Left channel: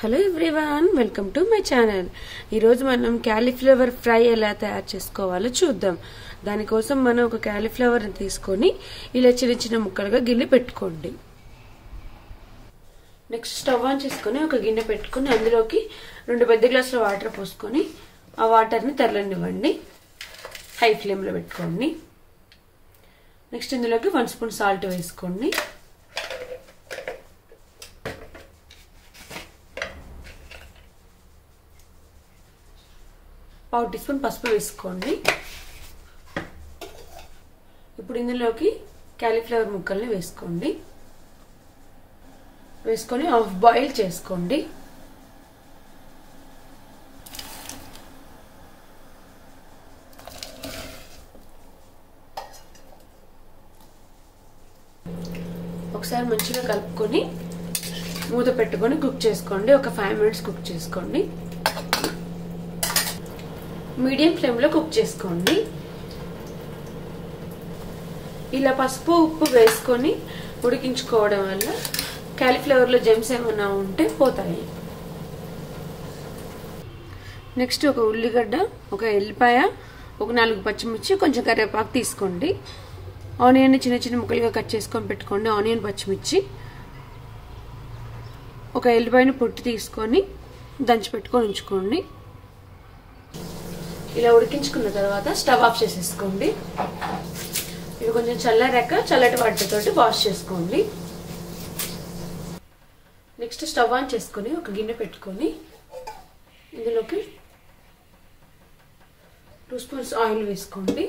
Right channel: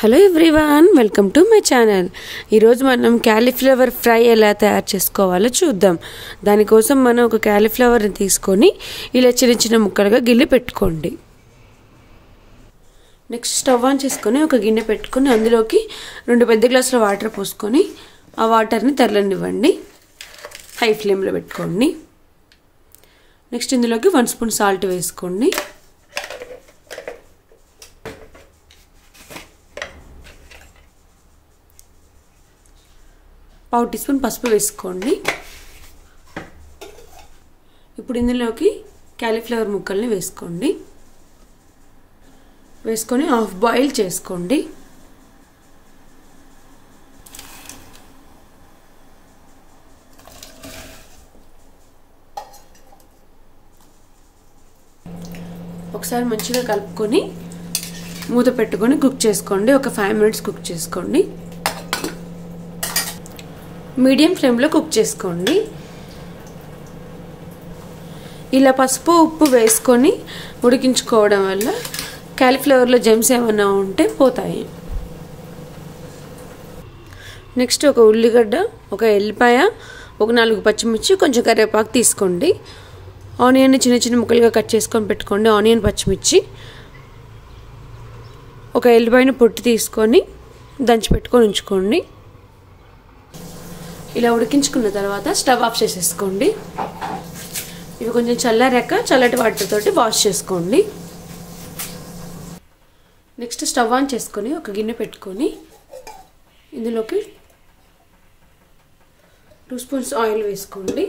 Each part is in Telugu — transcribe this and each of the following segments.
Hello everyone, welcome to my channel. ఈరోజు మనం క్యాలీఫ్లవర్ ఫ్రై ఎలా తయారు చేసుకోవాలో చూద్దాం. దానికోసం మనం ఒక క్యాలీఫ్లవర్ని తీసుకొని ఇలా చిన్న చిన్న ముక్కలుగా గిల్లి పెట్టుకోండి. నెక్స్ట్ స్టవ్ ఆన్ చేసుకొని ఒక గిన్నె పెట్టుకొని అందులోకి 2 పెద్ద గ్లాసుల వాటర్ పోసుకొని ఆ వాటర్ని తెరలనివ్వండి. హై ఫ్లేమ్లో పెట్టుకోండి. నెక్స్ట్ ఇందులోకి 1 స్పూన్ సాల్ట్ వేసుకోండి. పావు టీ స్పూన్ పసుపు వేసుకోండి. ఇప్పుడు ఇందులోకి క్యాలీఫ్లవర్ ముక్కల్ని వేసుకోండి. వేసుకొని హాఫ్ బాయిల్ చేసుకోండి. ఒకసారి మంచిగా కలుపుకొని మూత పెట్టుకొని కుక్ చేసుకోండి. ఒక 5 మినిట్స్ కుక్ చేసుకోండి. మీడియం ఫ్లేమ్లో కుక్ చేసుకోండి. ఇలా పసుపు ఉప్పు వేసుకొని ఉడికించుకోవడం వల్ల క్యాలీఫ్లవర్లో జెమ్స్ ఏమైనా ఉంటే పోతాయి. నెక్స్ట్ ఒక ఉల్లిగడ్డ, ఒక ఎల్లిపాయ, ఒక 4 పచ్చిమిర్చి, కొంచెం కరివేపాకు తీసుకోండి. ఆనియన్ని చిన్న చిన్న ముక్కలుగా కట్ చేసుకొని పెట్టుకోండి. ఆనియన్, పచ్చిమిర్చి, ఒక ఎల్లిపాయను పొట్టు తీసుకొని దంచి పెట్టుకొని ఉంచుకోండి. ఇలా ఉడికించుకున్న తర్వాత స్టవ్ ఆఫ్ చేసేసుకోండి. ఇవి కొంచెం చల్లారాక చల్లటి వాటర్తోటి వాష్ చేసుకోండి. నెక్స్ట్ స్టవ్ ఆన్ చేసుకొని ఒక గిన్నె పెట్టుకొని ఇందులోకి 2 స్పూన్స్ ఆయిల్ వేసుకోండి.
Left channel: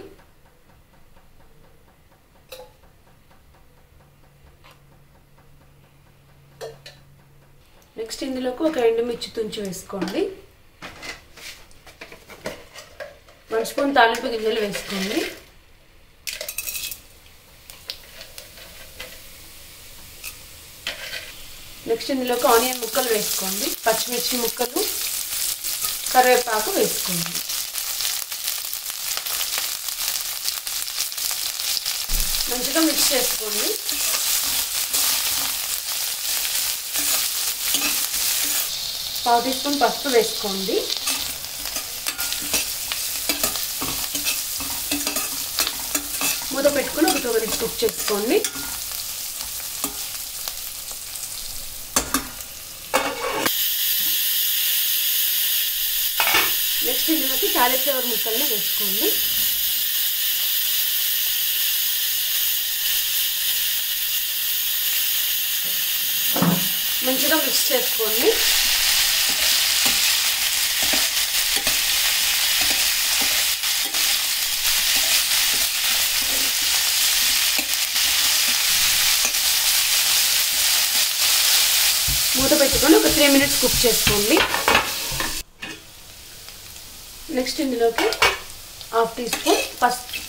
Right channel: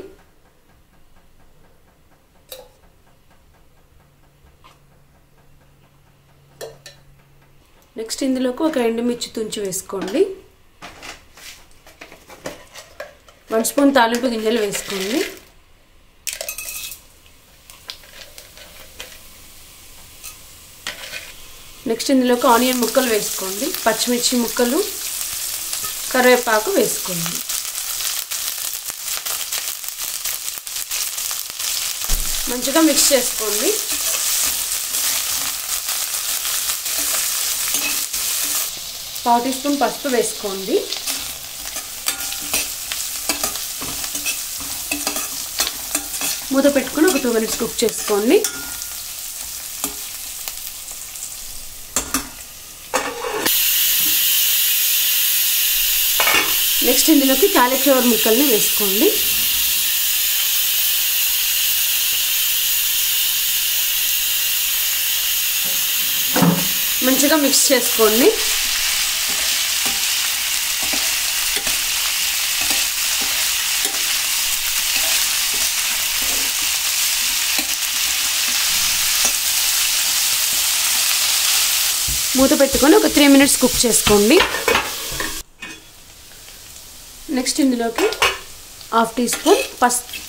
నెక్స్ట్ ఇందులోకి ఒక ఎండుమిర్చి తుంచి వేసుకోండి. 1 స్పూన్ తాలింపు గింజలు వేసుకోండి. నెక్స్ట్ ఇందులోకి ఆనియన్ ముక్కలు వేసుకోండి. పచ్చిమిర్చి ముక్కలు, కరివేపాకు వేసుకోండి. మంచిగా మిక్స్ చేసుకోండి. పావు టీ స్పూన్ పసుపు వేసుకోండి. మూత పెట్టుకుని ఒక 2 మినిట్స్ కుక్ చేసుకోండి. నెక్స్ట్ ఇందులోకి క్యాలీఫ్లవర్ ముక్కల్ని వేసుకోండి. మంచిగా మిక్స్ చేసుకోండి. మూత పెట్టుకొని ఒక 3 మినిట్స్ కుక్ చేసుకోండి. నెక్స్ట్ ఇందులోకి హాఫ్ టీ స్పూన్ పసుపు,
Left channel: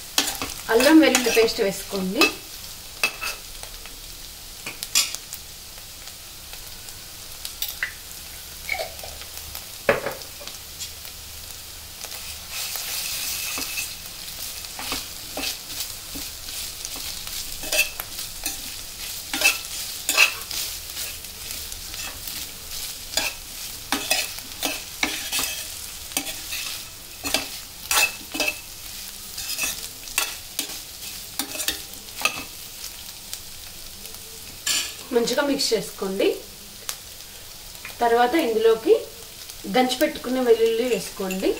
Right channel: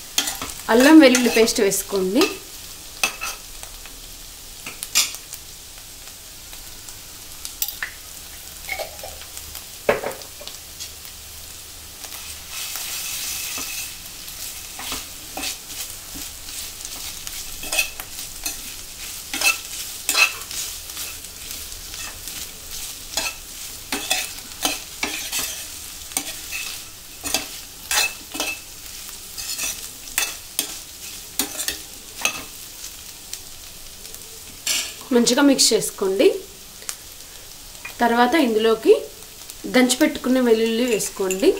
అల్లం వెల్లుల్లి పేస్ట్ వేసుకోండి. మంచిగా మిక్స్ చేసుకోండి. తర్వాత ఇందులోకి దంచి పెట్టుకున్న వెల్లుల్లి వేసుకోండి.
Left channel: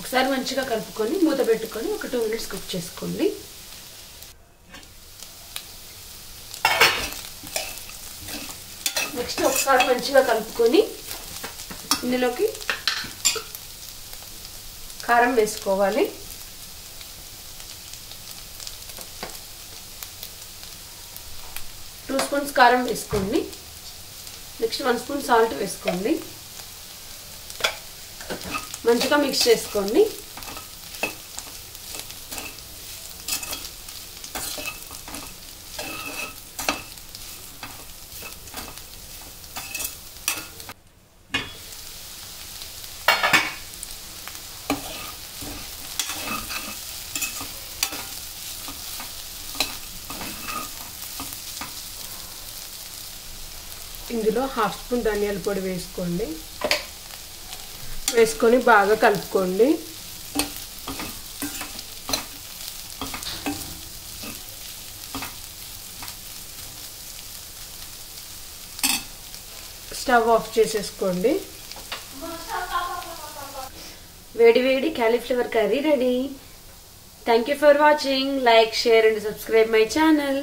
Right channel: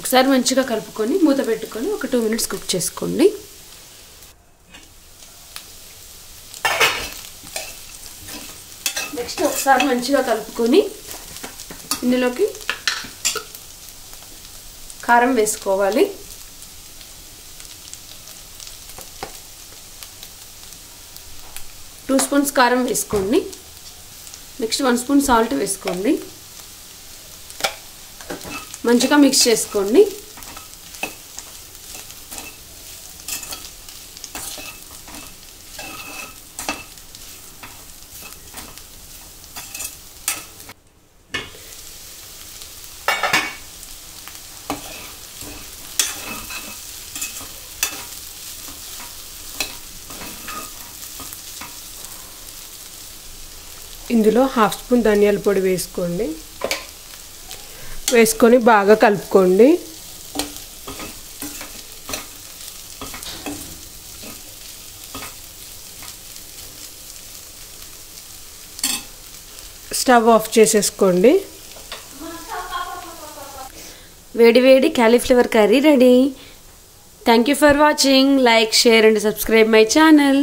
ఒకసారి మంచిగా కలుపుకొని మూత పెట్టుకొని ఒక 2 మినిట్స్ కుక్ చేసుకోండి. నెక్స్ట్ ఒకసారి మంచిగా కలుపుకొని ఇందులోకి కారం వేసుకోవాలి. 2 స్పూన్స్ కారం వేసుకోండి. నెక్స్ట్ 1 స్పూన్ సాల్ట్ వేసుకోండి. మంచిగా మిక్స్ చేసుకోండి. ఇందులో 1/2 స్పూన్ ధనియాల పొడి వేసుకోండి. వేసుకొని బాగా కలుపుకోండి. స్టవ్ ఆఫ్ చేసేసుకోండి. వేడి వేడి cauliflower curry ready. Thank you for watching. Like, share and subscribe my channel.